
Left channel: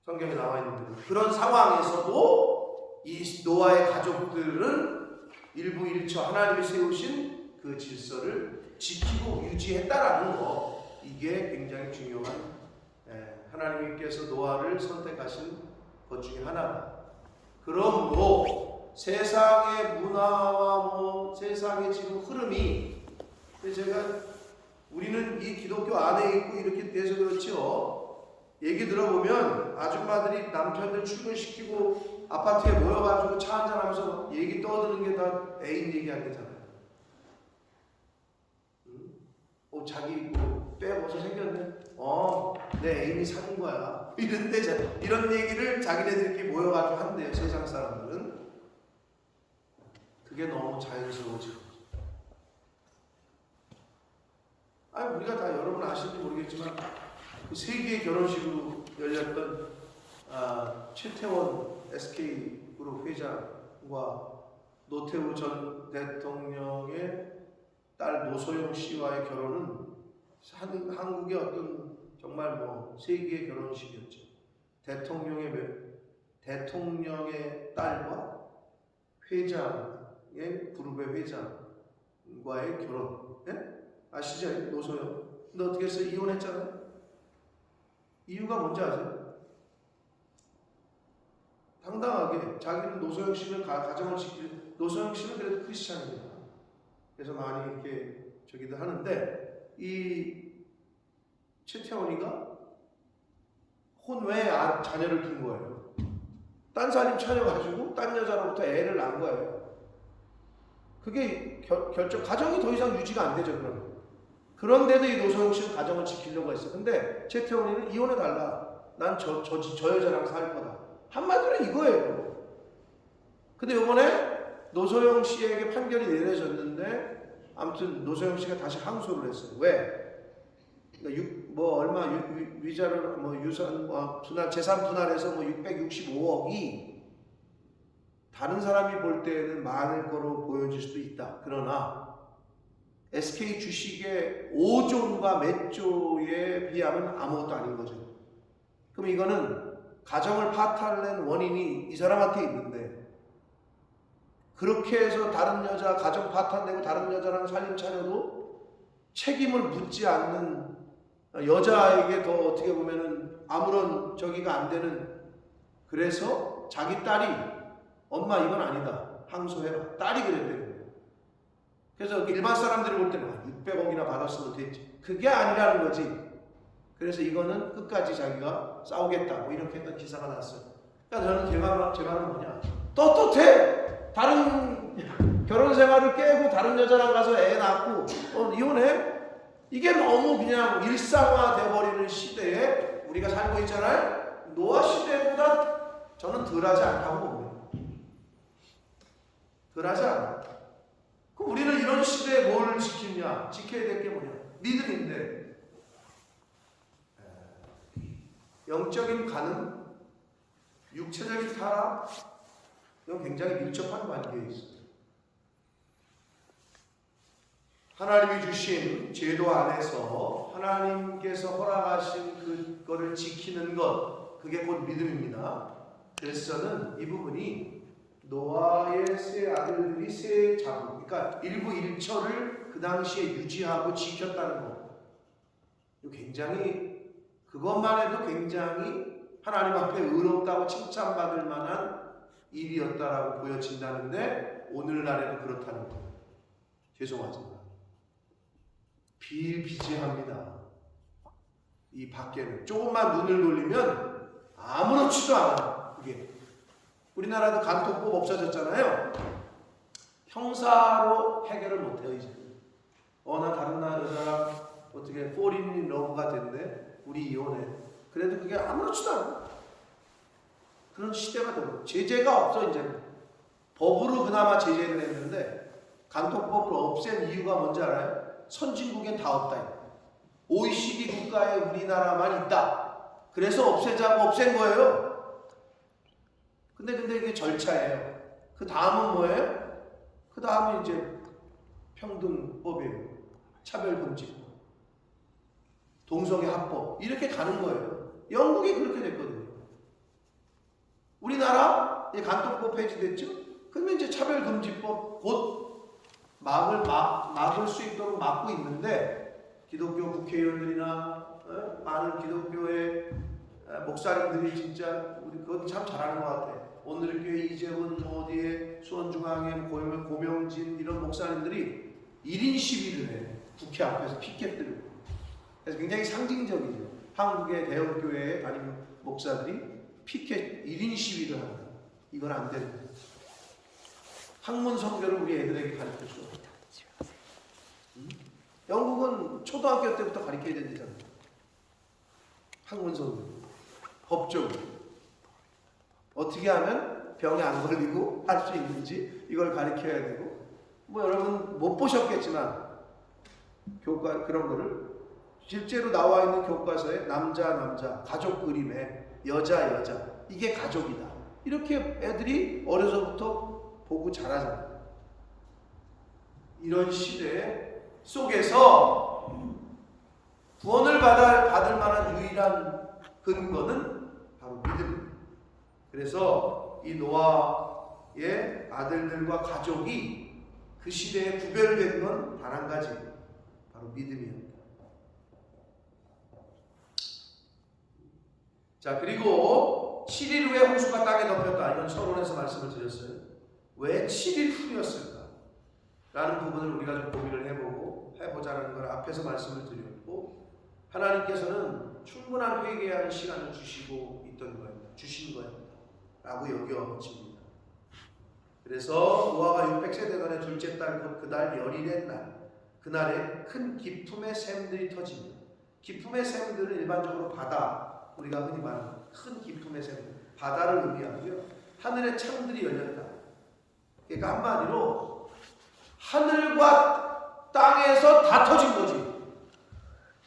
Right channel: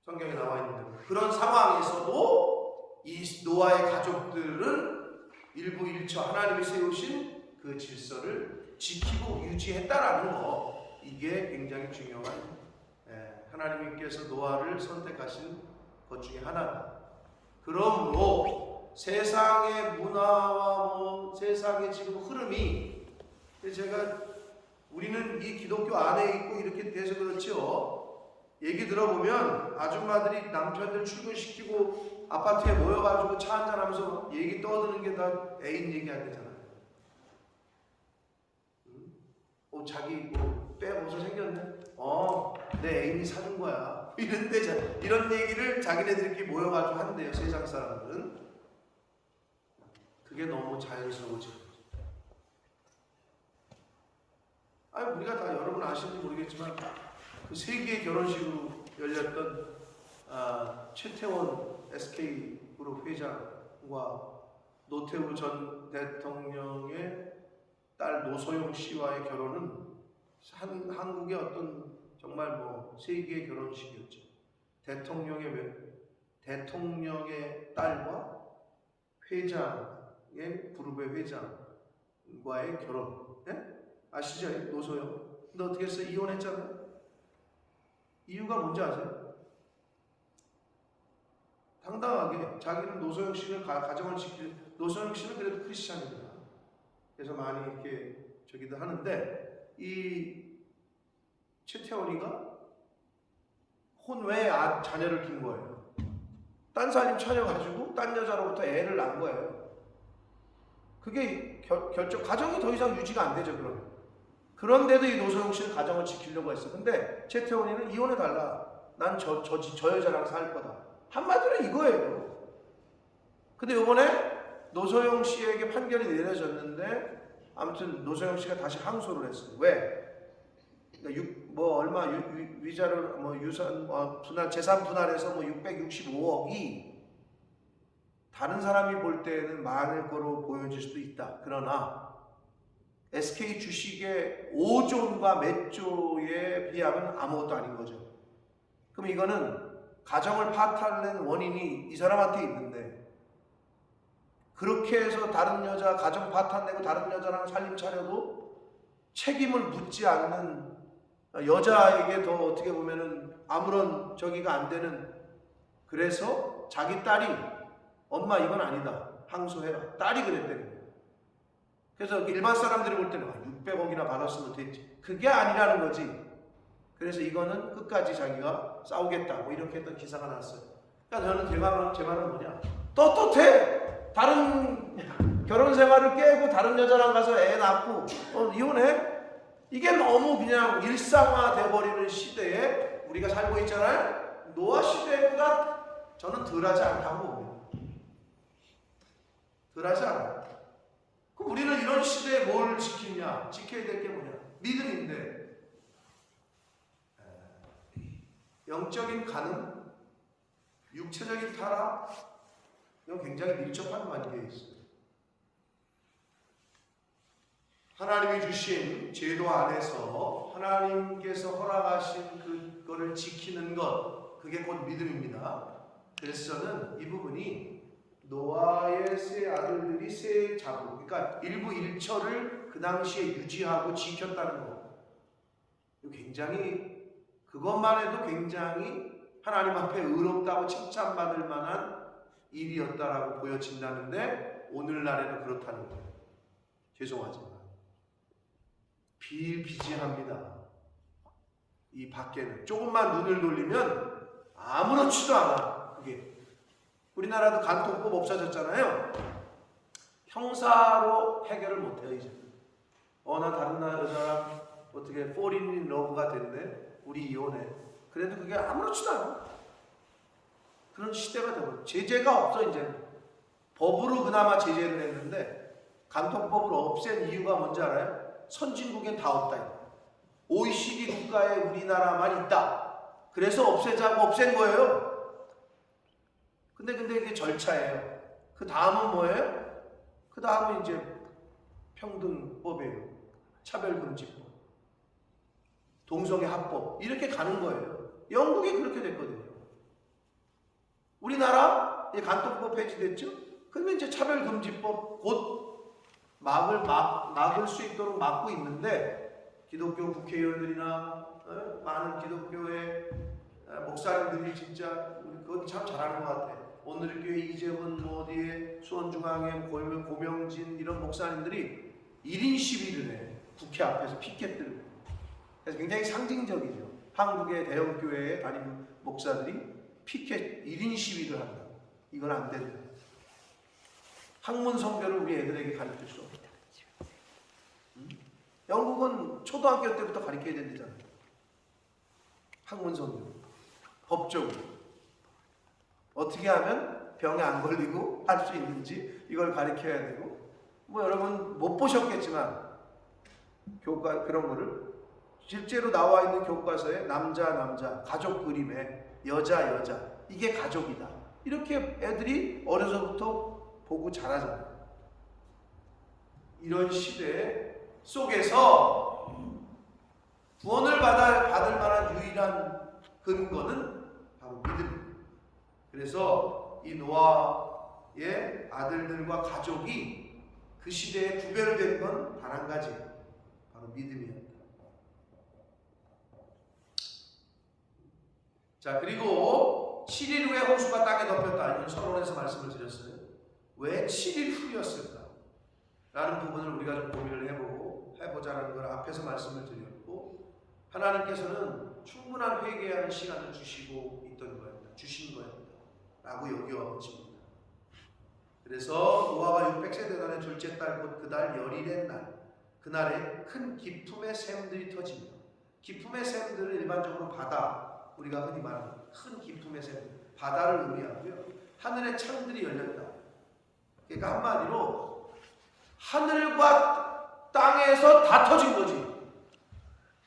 성경에 나와 있는 대로 그런 상황에서도 이 노아의 가족들은 일부 일처 하나님이 세우신 그 질서를 지키고 유지했다라는 거. 이게 굉장히 중요한 하나님께서 노아를 선택하신 것 중에 하나다. 그러므로 세상의 문화와 세상의 지금 흐름이 제가 우리는 이 기독교 안에 있고 이렇게 돼서 그렇죠. 얘기 들어보면 아줌마들이 남편들 출근시키고 아파트에 모여가지고 차 한잔하면서 얘기 떠드는 게 다 애인 얘기한대잖아요. 자기 뭐 벌써 생겼네. 내 애인이 사준 거야. 이런 얘기를 자기네들끼리 모여가지고 한대요. 세상 사람들은. 그게 너무 자연스러워지고. 우리가 다 여러분 아실지 모르겠지만 그 세계의 결혼식으로 열렸던 최태원 SK그룹 회장과 노태우 전 대통령의 딸 노소영 씨와의 결혼은 한국의 어떤 정말 뭐 세계의 결혼식이었죠. 대통령의 딸과 회장의 그룹의 회장과의 결혼. 네? 아시죠? 노소영. 근데 어떻게 했어요? 이혼했잖아요. 이유가 뭔지 아세요? 당당하게 자기는 노소영 씨를 가정을 지키는. 노소영 씨는 그래도 크리스찬입니다. 그래서 많이 이렇게 저기도 하는데 이 최태원이가 혼외에 자녀를 둔 거예요. 딴 살림 차려가지고 딴 여자로부터 애를 낳은 거예요. 그게 가정이 더 이상 유지가 안 되죠, 그러면. 그런데도 이 노소영 씨는 가정을 지키려고 했어. 근데 최태원이는 이혼해달라. 난 저 여자랑 살 거다. 한마디로 이거예요. 근데 이번에 노소영 씨에게 판결이 내려졌는데, 아무튼 노소영 씨가 다시 항소를 했어요. 왜? 위자료, 유산, 분할, 재산 분할해서 665억이 다른 사람이 볼 때는 많을 거로 보여질 수도 있다. 그러나 SK 주식의 5조과 몇 조에 비하면 아무것도 아닌 거죠. 그럼 이거는 가정을 파탄낸 원인이 이 사람한테 있는데, 그렇게 해서 다른 여자 가정 파탄내고 다른 여자랑 살림 차려도 책임을 묻지 않는 여자에게 더 어떻게 보면은 아무런 저기가 안 되는, 그래서 자기 딸이 엄마 이건 아니다 항소해라, 딸이 그랬대요. 그래서 일반 사람들이 볼 때는 600억이나 받았으면 됐지, 그게 아니라는 거지. 그래서 이거는 끝까지 자기가 싸우겠다 이렇게 했던 기사가 났어요. 그러니까 저는 제 말은 뭐냐, 떳떳해. 다른 결혼 생활을 깨고 다른 여자랑 가서 애 낳고 이혼해? 이게 너무 그냥 일상화 돼버리는 시대에 우리가 살고 있잖아요. 노아 시대보다 저는 덜하지 않다고 봅니다. 덜하지 않아요. 그럼 우리는 이런 시대에 뭘 지키냐? 지켜야 될 게 뭐냐? 믿음인데, 영적인 가능, 육체적인 타락, 이건 굉장히 밀접한 관계에 있어요. 하나님이 주신 제도 안에서 하나님께서 허락하신 그거를 지키는 것, 그게 곧 믿음입니다. 그래서 저는 이 부분이 노아의 세 아들들이 세 자부, 그러니까 일부 일처를 그 당시에 유지하고 지켰다는 것, 굉장히, 그것만 해도 굉장히 하나님 앞에 의롭다고 칭찬받을 만한 일이었다라고 보여진다는데, 오늘날에도 그렇다는 거예요. 죄송하지만 비일비재합니다. 이 밖에는 조금만 눈을 돌리면 아무렇지도 않아. 그게 우리나라도 간통법 없어졌잖아요. 형사로 해결을 못해요 이제. 나 다른 나라 여자랑 어떻게 fall 러브가 됐네, 우리 이혼해. 그래도 그게 아무렇지도 않아. 그런 시대가 되고, 제재가 없어 이제는. 법으로 그나마 제재를 했는데 간통법을 없앤 이유가 뭔지 알아요? 선진국엔 다 없다. OECD 국가에 우리나라만 있다. 그래서 없애자고 없앤 거예요. 근데 이게 절차예요. 그 다음은 뭐예요? 그 다음은 이제 평등법이에요. 차별금지법, 동성애 합법, 이렇게 가는 거예요. 영국이 그렇게 됐거든요. 우리나라 간통법 폐지됐죠? 그러면 이제 차별금지법 곧 막을 수 있도록 막고 있는데, 기독교 국회의원들이나 많은 기독교의 목사님들이 진짜 우리 그건 참 잘하는 것 같아. 오늘교회 이재분, 어디에 수원중앙회 고명진 이런 목사님들이 1인 시위를 해. 국회 앞에서 피켓 들고. 그래서 굉장히 상징적이죠. 한국의 대형 교회에 다니는 목사들이 피켓 1인 시위를 한다. 이건 안 된다. 학문 성경을 우리 애들에게 가르칠 수 없다. 영국은 초등학교 때부터 가르쳐야 됩니다. 학문 성경. 법적으로. 어떻게 하면 병에 안 걸리고 할 수 있는지 이걸 가르쳐야 되고, 여러분 못 보셨겠지만 교과 그런 거를 실제로 나와 있는 교과서에 남자 가족 그림에 여자 이게 가족이다. 이렇게 애들이 어려서부터 보고 자라잖아요. 이런 시대 속에서 구원을 받을 만한 유일한 근거는 바로 믿음입니다. 그래서 이 노아의 아들들과 가족이 그 시대에 구별된 건 단 한 가지, 바로 믿음이었다. 자, 그리고 7일 후에 홍수가 땅에 덮였다. 이건 서론에서 말씀을 드렸어요. 왜 7일 후였을까? 라는 부분을 우리가 좀 고민을 해보자는 걸 앞에서 말씀을 드렸고, 하나님께서는 충분한 회개하는 시간을 주시고 있던 거였다. 주신 거였다. 라고 여겨집니다. 그래서 노아가 600세 되던 해 둘째 달 곧 그달 열일의 날, 그날에 큰 기품의 샘들이 터집니다. 기품의 샘들은 일반적으로 바다, 우리가 흔히 말하는 큰 기품의 샘들, 바다를 의미하고요. 하늘의 창들이 열렸다. 그러니까 한마디로 하늘과 땅에서 다 터진 거지.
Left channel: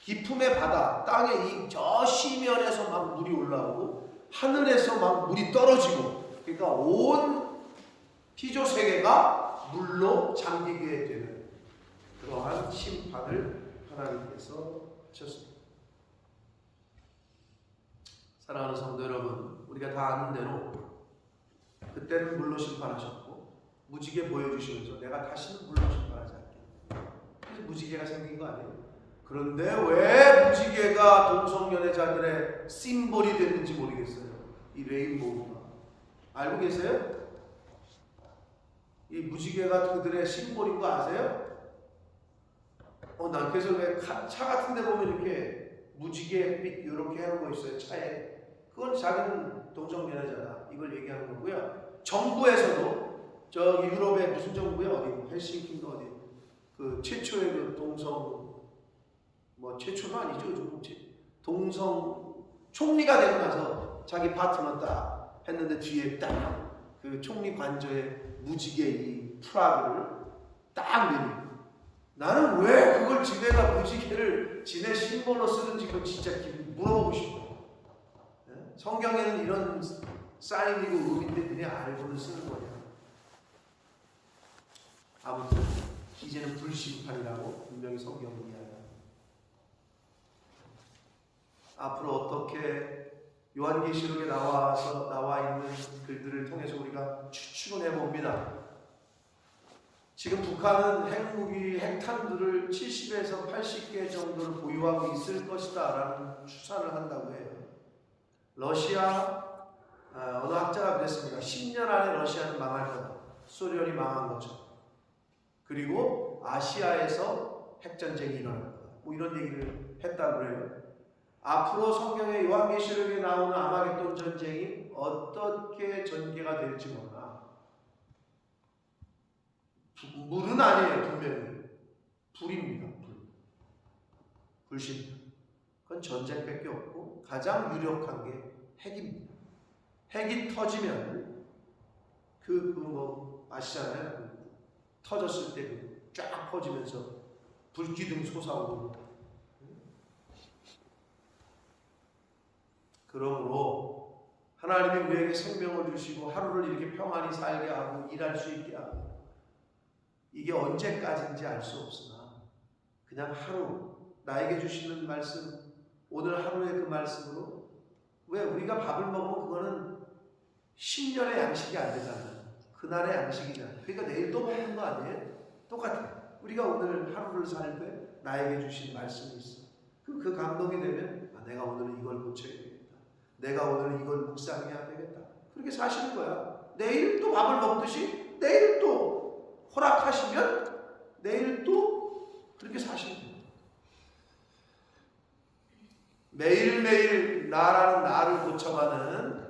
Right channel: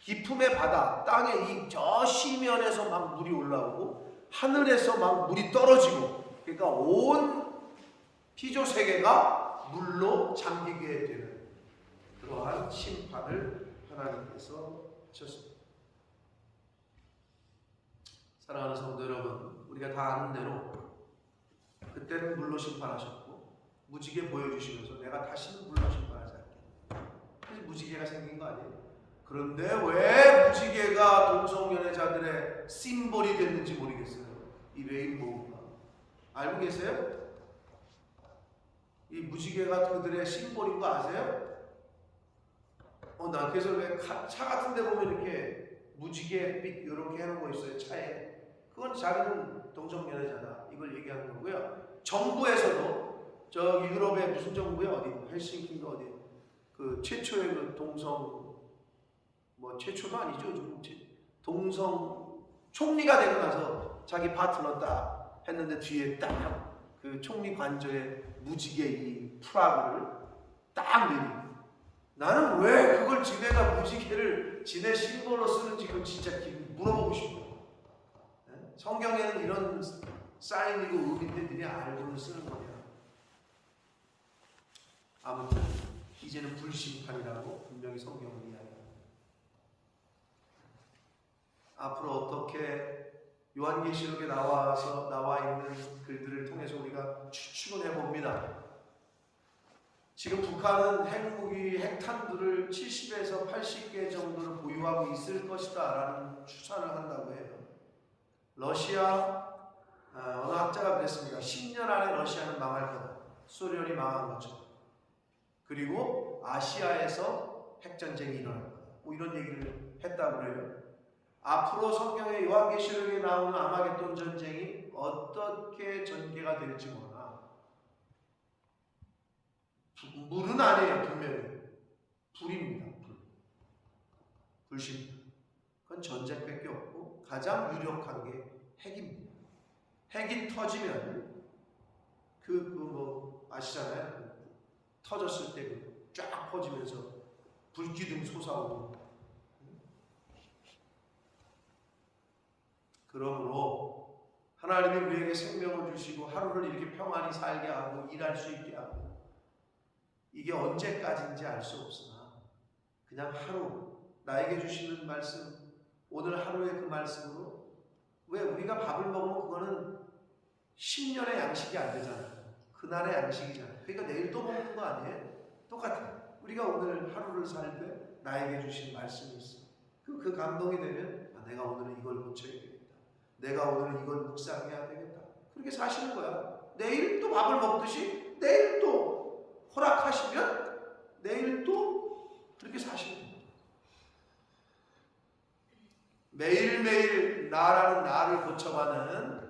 기품의 바다, 땅의 저 시면에서 막 물이 올라오고 하늘에서 막 물이 떨어지고, 그러니까 온 피조 세계가 물로 잠기게 되는 그러한 심판을 하나님께서 하셨습니다. 사랑하는 성도 여러분, 우리가 다 아는 대로 그때는 물로 심판하셨고 무지개 보여주시면서 내가 다시는 물로 심판하지 않겠다. 그래서 무지개가 생긴 거 아니에요? 그런데 왜 무지개가 동성연애자들의 심볼이 됐는지 모르겠어요. 이 레인보우가. 알고 계세요? 이 무지개가 그들의 심볼인 거 아세요? 난 그래서 왜 차 같은 데 보면 이렇게 무지개빛 이렇게 해놓은 거 있어요, 차에. 그건 자기는 동성연애자다, 이걸 얘기하는 거고요. 정부에서도 저기 유럽의 무슨 정부야, 어디 헬싱키인가 어디 그 최초의 그 동성, 뭐 최초도 아니죠, 지금 동성 총리가 되고 나서 자기 파트너 딱 했는데 뒤에 딱 그 총리 관저에 무지개 이 플라그를 딱 내리고, 나는 왜 그걸 지네가 무지개를 지네 심볼로 쓰는지 그건 진짜 물어보고 싶어. 성경에는 이런 사인이고 의미인데 너네 알고는 쓰는 거냐. 아무튼 이제는 불심판이라고 분명히 성경은 이야기합니다. 앞으로 어떻게 요한계시록에 나와 있는 글들을 통해서 우리가 추측을 해봅니다. 지금 북한은 핵무기, 핵탄두를 70에서 80개 정도를 보유하고 있을 것이다 라는 추산을 한다고 해요. 러시아, 어느 학자가 그랬습니다. 10년 안에 러시아는 망할 거다. 소련이 망한 것처럼. 그리고 아시아에서 핵전쟁이 일어날 거다. 뭐 이런 얘기를 했다고 그래요. 앞으로 성경의 요한계시록에 나오는 아마겟돈 전쟁이 어떻게 전개가 될지 모르나 물은 아니에요. 분명히 불입니다. 불심판. 그건 전쟁밖에 없고 가장 유력한 게 핵입니다. 핵이 터지면 뭐 아시잖아요. 터졌을 때 쫙 퍼지면서 불기둥 솟아오르고. 그러므로 하나님이 우리에게 생명을 주시고 하루를 이렇게 평안히 살게 하고 일할 수 있게 하고, 이게 언제까지인지 알 수 없으나 그냥 하루 나에게 주시는 말씀, 오늘 하루의 그 말씀으로, 왜 우리가 밥을 먹으면 그거는 10년의 양식이 안 되잖아요. 그날의 양식이잖아요. 그러니까 내일 또 먹는 거 아니에요? 똑같아요. 우리가 오늘 하루를 살 때 나에게 주신 말씀이 있어. 그 감동이 되면 내가 오늘은 이걸 고쳐야 되겠다. 내가 오늘은 이걸 묵상해야 되겠다. 그렇게 사시는 거야. 내일 또 밥을 먹듯이 내일 또 허락하시면 내일 또 그렇게 사시면 됩니다. 매일매일 나라는 나를 고쳐가는,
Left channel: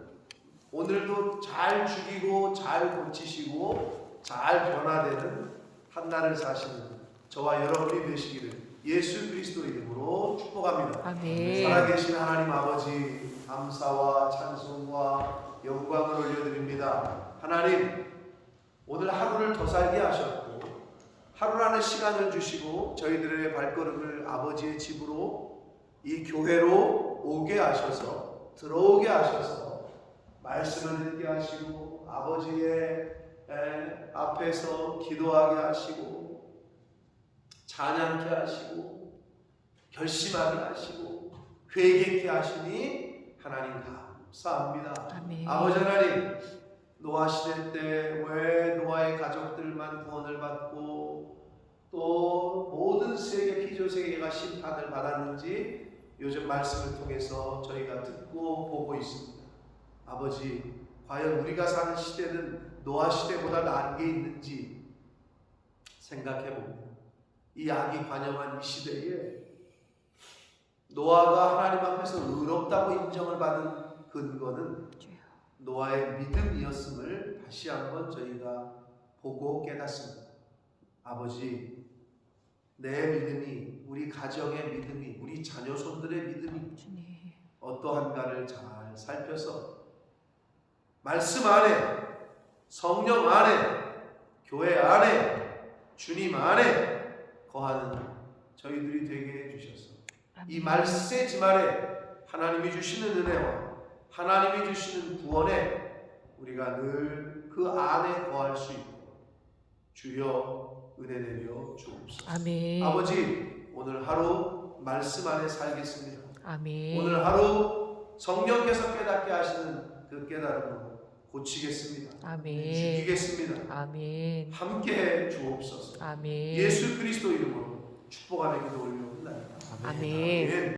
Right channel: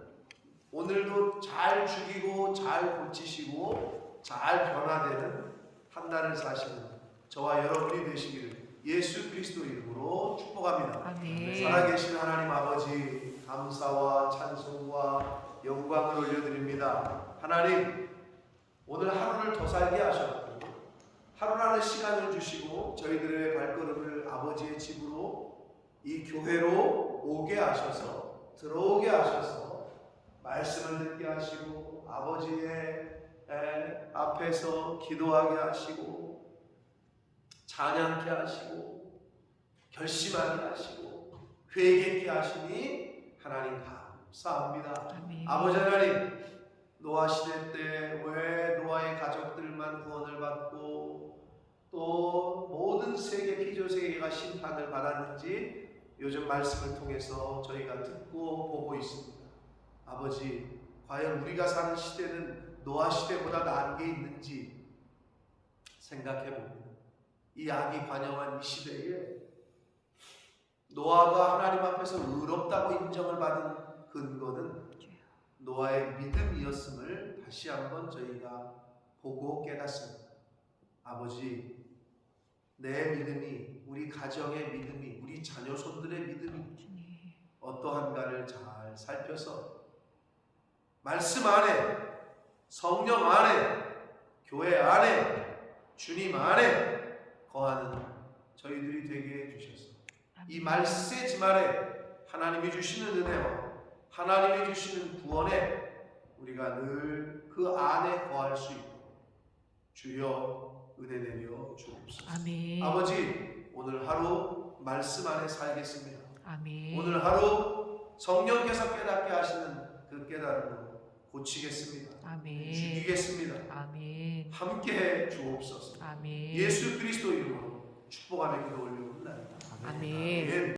오늘도 잘 죽이고 잘 고치시고 잘 변화되는 한날을 사시는 저와 여러분이 되시기를 예수 그리스도 이름으로 축복합니다. 아멘. 살아계신 하나님 아버지, 감사와 찬송과 영광을 올려드립니다. 하나님, 오늘 하루를 더 살게 하셨고 하루라는 시간을 주시고 저희들의 발걸음을 아버지의 집으로, 이 교회로 오게 하셔서, 들어오게 하셔서 말씀을 듣게 하시고 아버지의 앞에서 기도하게 하시고 찬양케 하시고 결심하게 하시고 회개케 하시니 하나님 감사합니다. 아멘. 아버지 하나님, 노아 시대 때 왜 노아의 가족들만 구원을 받고 또 모든 세계 피조 세계가 심판을 받았는지 요즘 말씀을 통해서 저희가 듣고 보고 있습니다. 아버지, 과연 우리가 사는 시대는 노아 시대보다 나은 게 있는지 생각해 봅니다. 이 악이 관영한 이 시대에 노아가 하나님 앞에서 의롭다고 인정을 받은 근거는 노아의 믿음이었음을 다시 한번 저희가 보고 깨닫습니다. 아버지, 내 믿음이, 우리 가정의 믿음이, 우리 자녀손들의 믿음이 주님. 어떠한가를 잘 살펴서 말씀 안에, 성령 안에, 교회 안에, 주님 안에 거하는 저희들이 되게 해주셔서 이 말세 지말에 하나님이 주시는 은혜와 하나님이 주시는 구원에 우리가 늘 그 안에 거할 수 있도록 주여 은혜 내려 주옵소서. 아멘. 아버지, 오늘 하루 말씀 안에 살겠습니다. 아멘. 오늘 하루 성령께서 깨닫게 하시는 그 깨달음으로 고치겠습니다. 아멘. 죽이겠습니다. 아멘. 함께해 주옵소서. 아멘. 예수 그리스도 이름으로 축복하며 기도 올려옵나이다. 아멘. 아멘.